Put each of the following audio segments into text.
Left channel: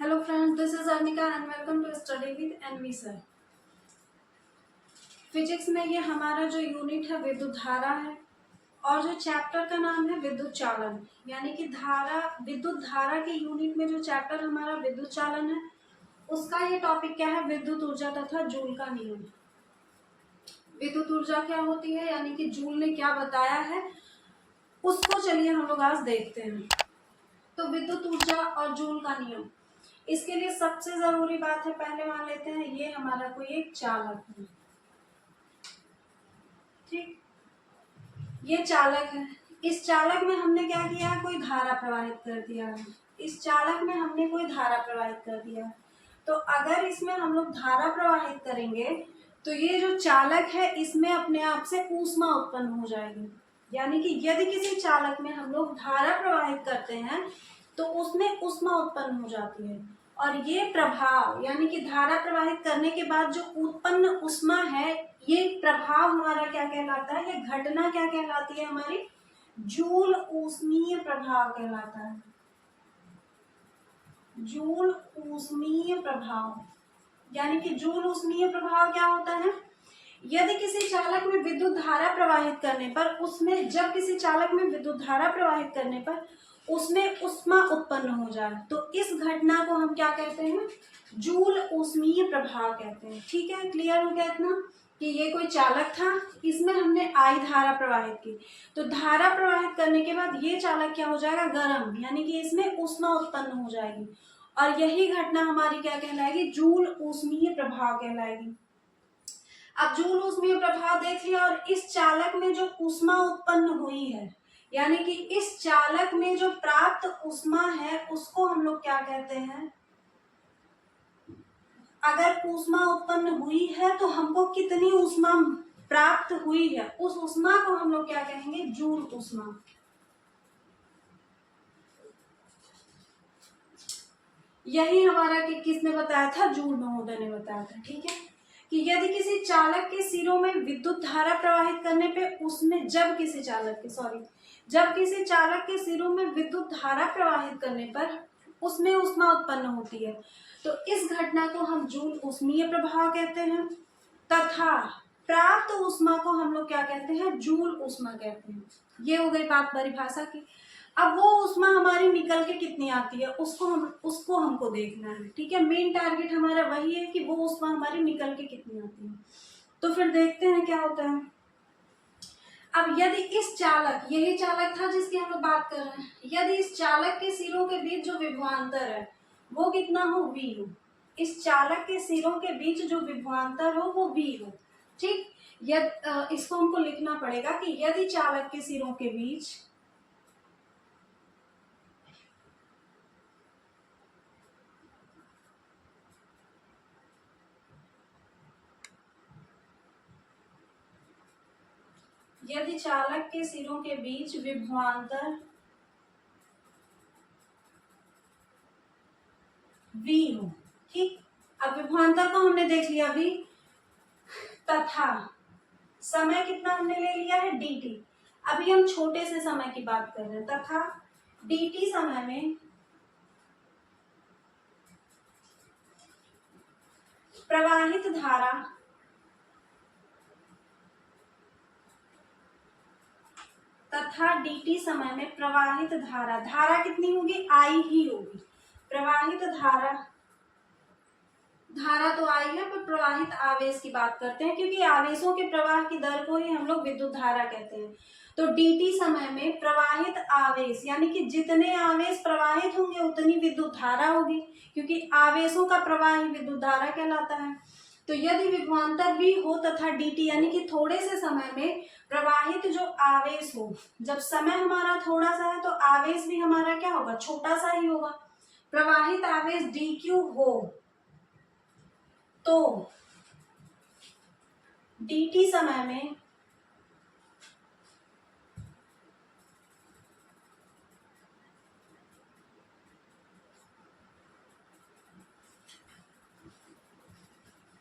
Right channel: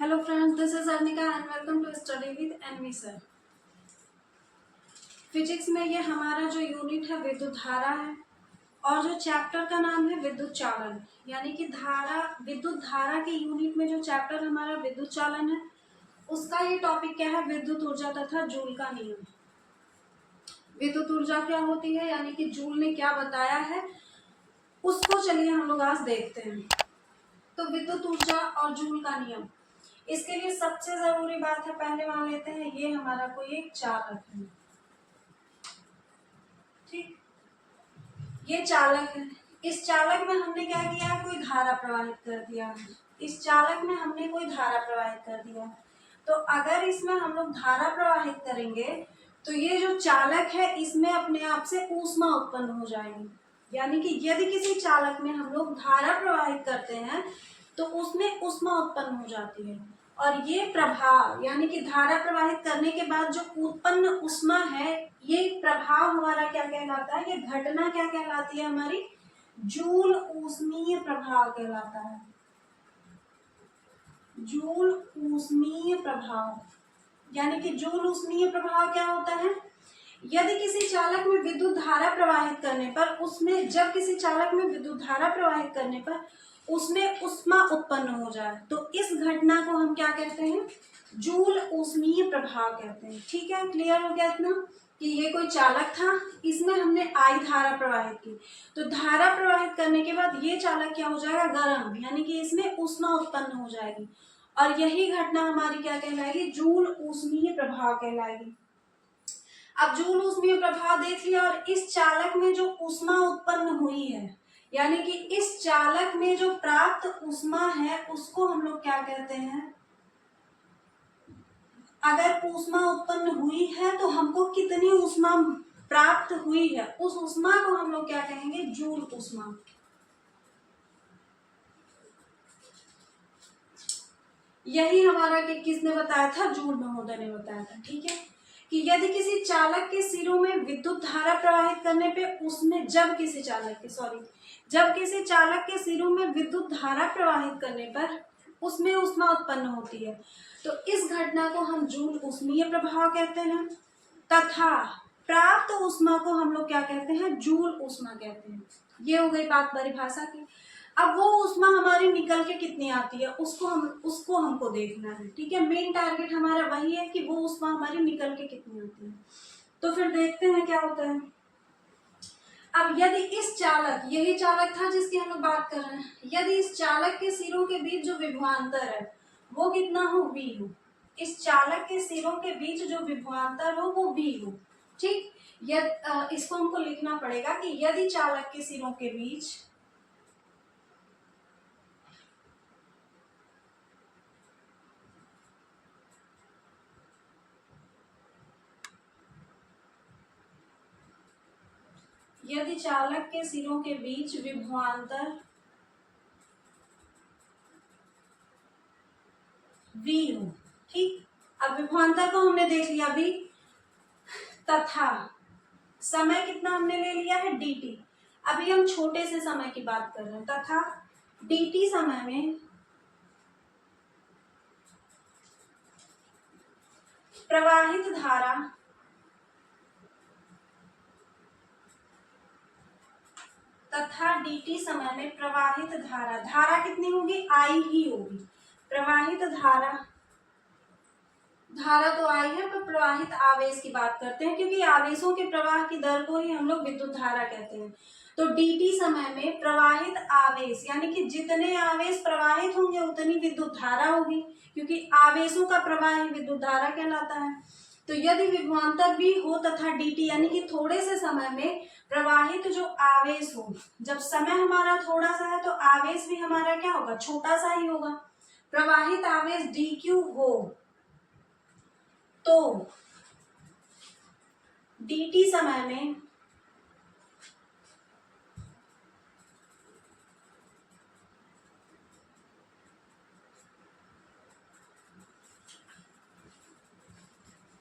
Hello friends, this is Arnika and welcome to Study with NV Sir। Physics में ये हमारा जो unit है विद्युत धारा है और जो चैप्टर का नाम है विद्युत चालन, यानी कि धारा विद्युत धारा के यूनिट में जो चैप्टर हमारा विद्युत चालन है उसका ये टॉपिक क्या है, विद्युत ऊर्जा तथा जूल का नियम। विद्युत ऊर्जा क्या होती है, यानी कि जूल ने क्या बताया है उसको चलिए हम लोग आज देखते हैं। तो विद्युत ऊर्जा और जूल का नियम, इसके लिए सबसे जरूरी बात है, पहले मान लेते हैं ये हमारा कोई एक चालक है, ठीक, ये चालक है। इस चालक में हमने क्या किया है, कोई धारा प्रवाहित कर दिया है। इस चालक में हमने कोई धारा प्रवाहित कर दिया है। तो अगर इसमें हम लोग धारा प्रवाहित करेंगे तो ये जो चालक है इसमें अपने आप से ऊष्मा उत्पन्न हो जाएगी। यानी कि यदि किसी चालक में हम लोग धारा प्रवाहित करते हैं तो उसमें ऊष्मा उत्पन्न हो जाती है। और ये प्रभाव, यानी कि धारा प्रवाहित करने के बाद जो उत्पन्न ऊष्मा है, ये प्रभाव हमारा क्या कहलाता है, ये घटना क्या कहलाती है, हमारी जूल ऊष्मीय प्रभाव कहलाता है। जूल ऊष्मीय प्रभाव, यानी कि जूल ऊष्मीय प्रभाव क्या होता है, यदि किसी चालक में विद्युत धारा प्रवाहित करने पर उसमें जब किसी चालक में विद्युत धारा प्रवाहित करने पर उसमें ऊष्मा उत्पन्न हो जाए तो इस घटना को हम क्या कहते हैं, जूल ऊष्मीय प्रभाव कहते हैं। ठीक है, क्लियर हो गया इतना कि ये कोई चालक था, इसमें हमने आई धारा प्रवाहित की, तो धारा प्रवाहित करने के बाद ये चालक क्या हो जाएगा, गर्म, यानी कि इसमें ऊष्मा उत्पन्न हो जाएगी और यही घटना हमारी क्या कहलाएगी, जूल ऊष्मीय प्रभाव कहलाएगी। अब जूल ऊष्मीय प्रभाव देख लिया और इस चालक में जो ऊष्मा उत्पन्न हुई है, यानी कि इस चालक में जो प्राप्त ऊष्मा है उसको हम लोग क्या कहते हैं, अगर ऊष्मा उत्पन्न हुई है तो हमको कितनी ऊष्मा प्राप्त हुई है उस ऊष्मा को हम लोग क्या कहेंगे, जूल ऊष्मा। यही हमारा कि किसने बताया था, जूल महोदय ने बताया था। ठीक है, कि यदि किसी चालक के सिरों में विद्युत धारा प्रवाहित करने पे उसमें जब किसी चालक के सिरों में विद्युत धारा प्रवाहित करने पर उसमें ऊष्मा उत्पन्न होती है तो इस घटना को हम जूल ऊष्मीय प्रभाव कहते हैं तथा प्राप्त ऊष्मा को हम लोग क्या कहते हैं, जूल ऊष्मा कहते हैं। ये हो गई बात परिभाषा की। अब वो ऊष्मा हमारी निकल के कितनी आती है उसको हमको देखना है। ठीक है, मेन टारगेट हमारा वही है कि वो ऊष्मा हमारी निकल के कितनी आती है। तो फिर देखते हैं क्या होता है। अब यदि इस चालक, यही चालक था जिसकी हम लोग बात कर रहे हैं, यदि इस चालक के सिरों के बीच जो विभवांतर है वो कितना हो, V हो। इस चालक के सिरों के बीच जो विभवांतर हो वो V हो। ठीक, इसको हमको लिखना पड़ेगा कि यदि चालक के सिरों के बीच चालक के सिरों के बीच विभवांतर V हो। ठीक, अब विभवांतर को हमने देख लिया V, तथा समय कितना हमने ले लिया है, dt। अभी हम छोटे से समय की बात कर रहे हैं, तथा dt समय में प्रवाहित धारा तथा dt समय में प्रवाहित धारा, धारा कितनी होगी, I ही होगी। प्रवाहित धारा, धारा तो आई है पर प्रवाहित आवेश की बात करते हैं क्योंकि आवेशों के प्रवाह की दर को ही हम लोग विद्युत धारा कहते हैं। तो dt समय में प्रवाहित आवेश, यानी कि जितने आवेश प्रवाहित होंगे उतनी विद्युत धारा होगी क्योंकि आवेशों का प्रवाह ही विद्युत धारा कहलाता है। तो यदि विभवांतर भी हो तथा dt, यानी कि थोड़े से समय में प्रवाहित जो आवेश हो, जब समय हमारा थोड़ा सा है तो आवेश भी हमारा क्या होगा, छोटा सा ही होगा। प्रवाहित आवेश dq हो तो dt समय में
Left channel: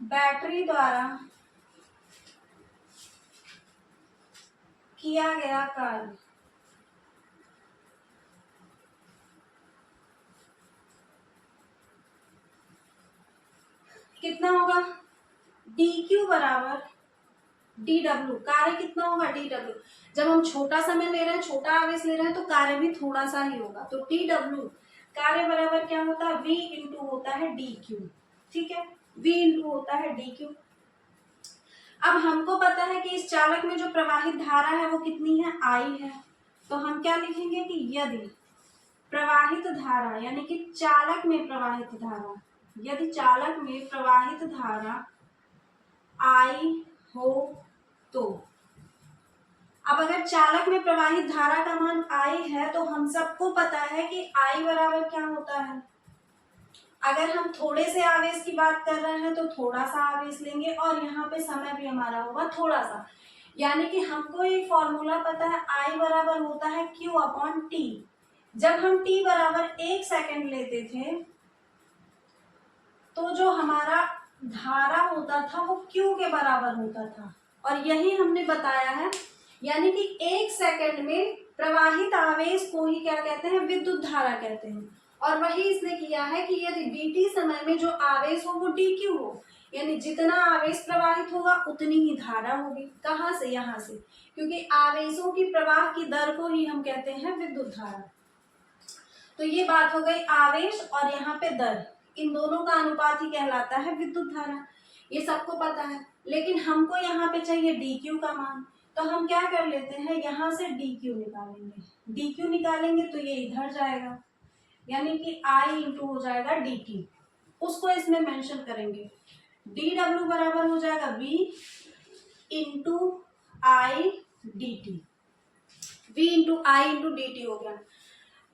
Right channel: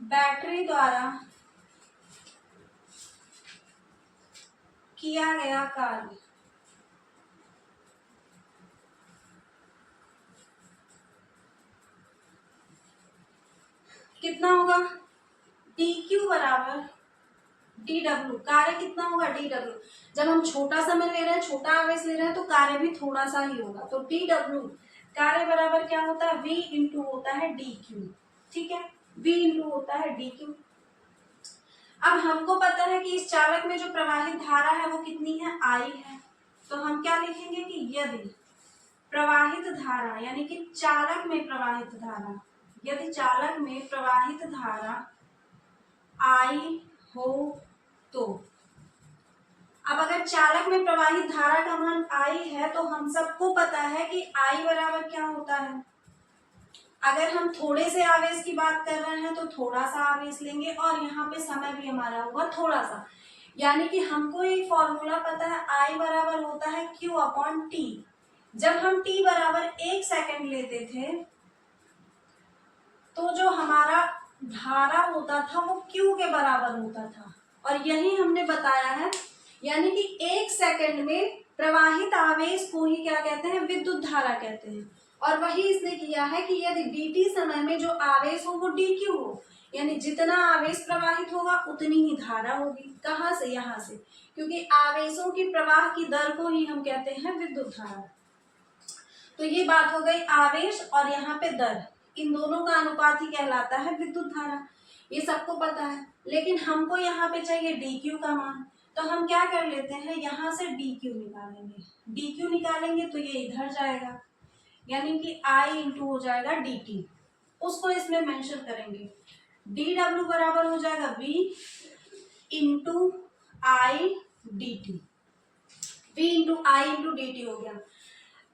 बैटरी द्वारा किया गया कार्य कितना होगा, डी क्यू बराबर डी डब्ल्यू। कार्य कितना होगा, डी डब्ल्यू। जब हम छोटा समय ले रहे हैं, छोटा आवेश ले रहे हैं, तो कार्य भी थोड़ा सा ही होगा। तो डी डब्ल्यू कार्य बराबर क्या होता है, वी इंटू होता है डी क्यू। ठीक है, वी इंटू होता है डी क्यू। अब हमको पता है कि इस चालक में जो प्रवाहित धारा है वो कितनी है, आई है। तो हम क्या लिखेंगे कि यदि प्रवाहित धारा यानी कि चालक में प्रवाहित धारा, यदि चालक में प्रवाहित धारा आई हो तो, अब अगर चालक में प्रवाहित धारा का मान आई है तो हम सबको पता है कि आई बराबर क्या होता है। अगर हम थोड़े से आवेश की बात कर रहे हैं तो थोड़ा सा आवेश लेंगे और यहाँ पे समय भी हमारा होगा थोड़ा सा, यानी कि हमको एक फॉर्मूला पता है, आई बराबर होता है Q अपॉन टी। जब हम t बराबर 1 सेकंड लेते थे तो जो हमारा धारा होता था वो Q के बराबर होता था, और यही हमने बताया है, यानी कि 1 सेकंड में प्रवाहित आवेश को ही क्या कहते हैं, विद्युत धारा कहते हैं। और वही इसने किया है कि यदि dt समय में जो आवेश हो वो dq हो, यानी जितना आवेश प्रवाहित होगा उतनी ही धारा होगी। कहाँ से, यहाँ से, क्योंकि आवेशों की प्रवाह की दर को ही हम कहते हैं विद्युत धारा। तो ये बात हो गई आवेश और यहाँ पे दर, इन दोनों का अनुपात ही कहलाता है विद्युत धारा। ये सबको पता है, लेकिन हमको यहाँ पे चाहिए dq का मान। तो हम क्या कर लेते हैं, यहाँ से dq निकालेंगे। dq निकालेंगे तो ये इधर जाएगा, यानी कि I इंटू हो जाएगा dt, उसको इसमें मेंशन करेंगे। dw बराबर हो जाएगा v into I D T, v into I into D T हो गया।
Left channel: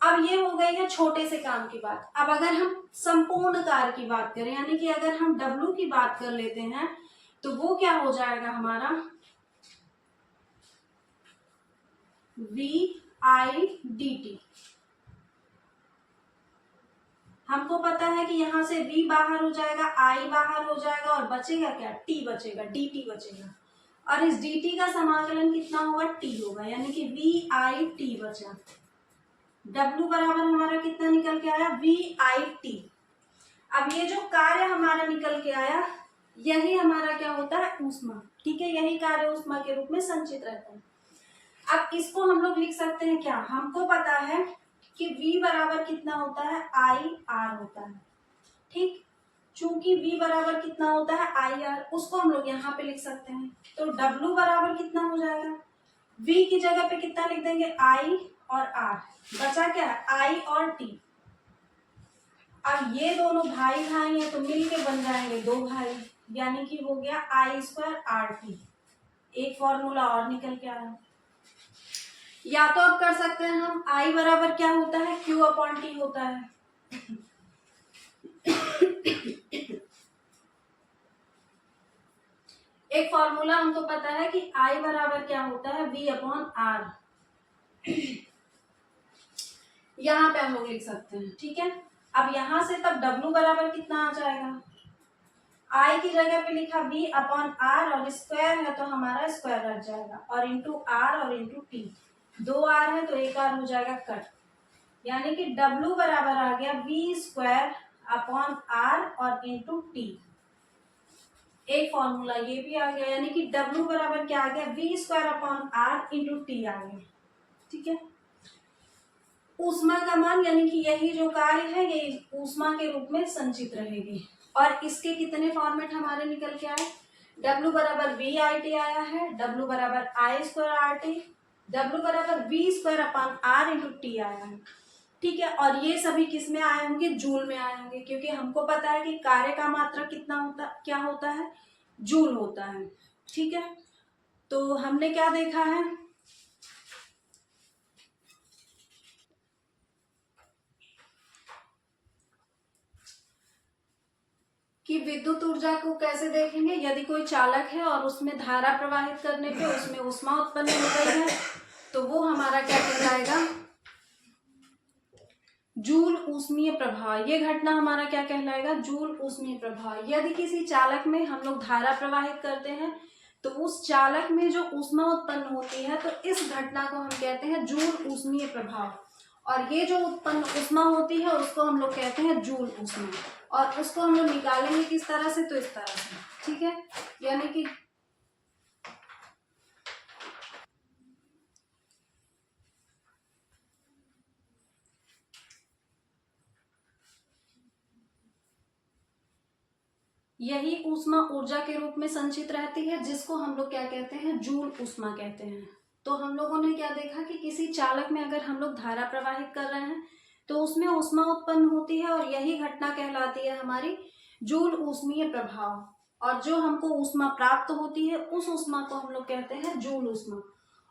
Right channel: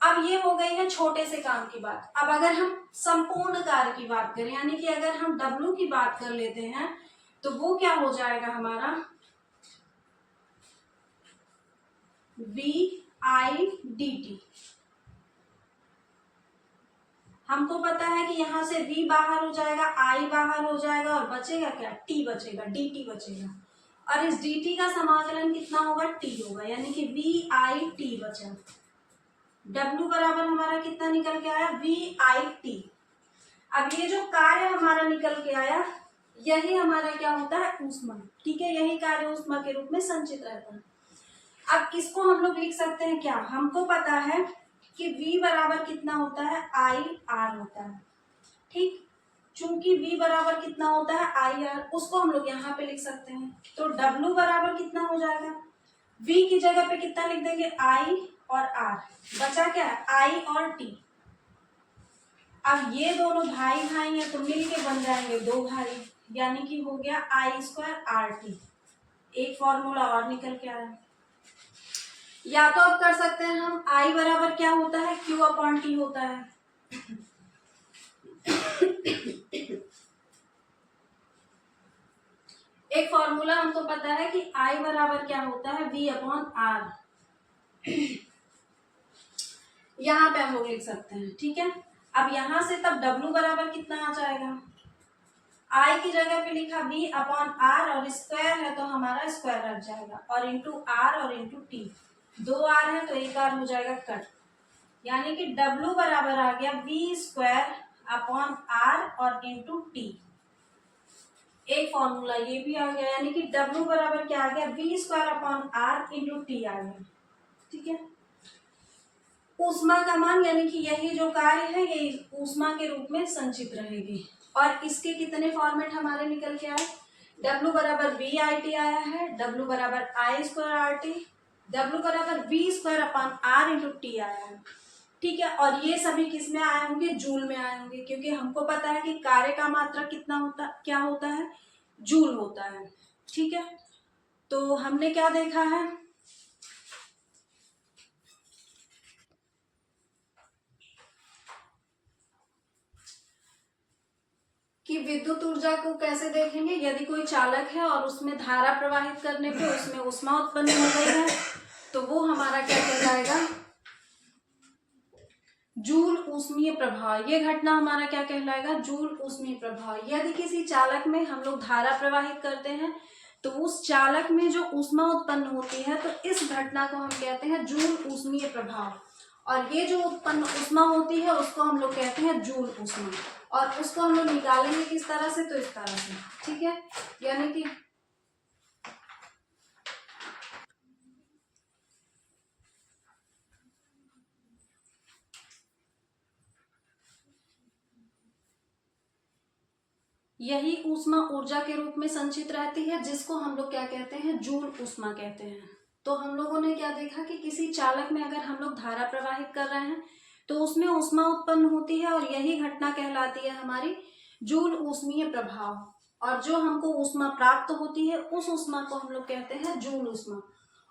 अब ये हो गई है छोटे से काम की बात। अब अगर हम संपूर्ण कार्य की बात करें, यानी कि अगर हम W की बात कर लेते हैं तो वो क्या हो जाएगा हमारा, V I डी टी। हमको पता है कि यहाँ से V बाहर हो जाएगा, I बाहर हो जाएगा और बचेगा क्या, T बचेगा, dt बचेगा। और इस dt का समाकलन कितना होगा, T होगा, यानी कि V I T बचा। W बराबर हमारा कितना निकल के आया, V I T। अब ये जो कार्य हमारा निकल के आया यही हमारा क्या होता है, ऊष्मा। ठीक है, यही कार्य ऊष्मा के रूप में संचित रहता है। अब इसको हम लोग लिख सकते हैं क्या, हमको पता है कि V बराबर कितना होता है, I R होता है। ठीक, चूंकि V बराबर कितना होता है, I R, उसको हम लोग यहाँ पे लिख सकते हैं। तो W बराबर कितना हो जाएगा, V की जगह पे कितना लिख देंगे, I और R, बचा क्या है, I और T। अब ये दोनों भाई भाई हैं तो मिलके बन जाएंगे दो भाई, यानी कि हो गया I स्क्वायर RT। एक फॉर्मूला और निकल के आया। या तो अब कर सकते हैं हम, I बराबर क्या होता है, Q अपॉन T होता है। एक फॉर्मूला हमको पता है कि I बराबर क्या होता है, V अपॉन R। यहाँ पे हम लोग लिख सकते हैं। ठीक है, अब यहाँ से तब W बराबर कितना आ जाएगा, I की जगह पे लिखा V अपॉन R और स्क्वायर है तो हमारा स्क्वायर रख जाएगा, और इंटू R और इंटू T, दो R है तो एक R हो जाएगा कट, यानी कि W बराबर आ गया V स्क्वायर अपॉन R और इंटू T। एक फॉर्मूला ये भी आ गया, यानी कि W बराबर क्या आ गया, V square upon R into T आ गया। ठीक है, ऊष्मा का मान, यानी कि यही जो कार्य है ये ऊष्मा के रूप में संचित रहेगी। और इसके कितने फॉर्मेट हमारे निकल के आए, W बराबर V I T आया है, W बराबर I square R T, W बराबर V square upon R into T आया है। ठीक है, और ये सभी किस में आए होंगे, जूल में आए होंगे, क्योंकि हमको पता है कि कार्य का मात्रा कितना होता, क्या होता है, जूल होता है। ठीक है, तो हमने क्या देखा है, कि विद्युत ऊर्जा को कैसे देखेंगे, यदि कोई चालक है और उसमें धारा प्रवाहित करने पे उसमें ऊष्मा उत्पन्न हो गई है तो वो हमारा क्या कहलाएगा, जूल ऊष्मीय प्रभाव। ये घटना हमारा क्या कहलाएगा, जूल ऊष्मीय प्रभाव। यदि किसी चालक में हम लोग धारा प्रवाहित करते हैं तो उस चालक में जो ऊष्मा उत्पन्न होती है तो इस घटना को हम कहते हैं जूल ऊष्मीय प्रभाव, और ये जो उत्पन्न ऊष्मा होती है उसको हम लोग कहते हैं जूल ऊष्मा। और उसको हम लोग निकालेंगे किस तरह से, तो इस तरह से, ठीक है। यानी कि यही ऊष्मा ऊर्जा के रूप में संचित रहती है, जिसको हम लोग क्या कहते हैं, जूल ऊष्मा कहते हैं। तो हम लोगों ने क्या देखा कि किसी चालक में अगर हम लोग धारा प्रवाहित कर रहे हैं तो उसमें ऊष्मा उत्पन्न होती है, और यही घटना कहलाती है हमारी जूल ऊष्मीय प्रभाव। और जो हमको ऊष्मा प्राप्त होती है उस ऊष्मा को हम लोग कहते हैं जूल ऊष्मा।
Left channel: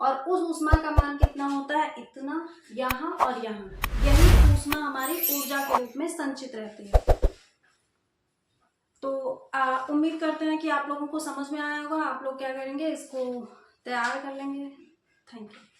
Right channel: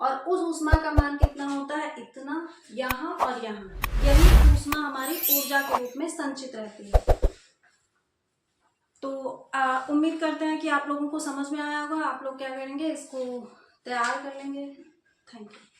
और उस ऊष्मा का मान कितना होता है, इतना, यहाँ और यहाँ। यही ऊष्मा हमारी ऊर्जा के रूप में संचित रहती है। तो उम्मीद करते हैं कि आप लोगों को समझ में आया होगा। आप लोग क्या करेंगे, इसको तैयार कर लेंगे। Thank you.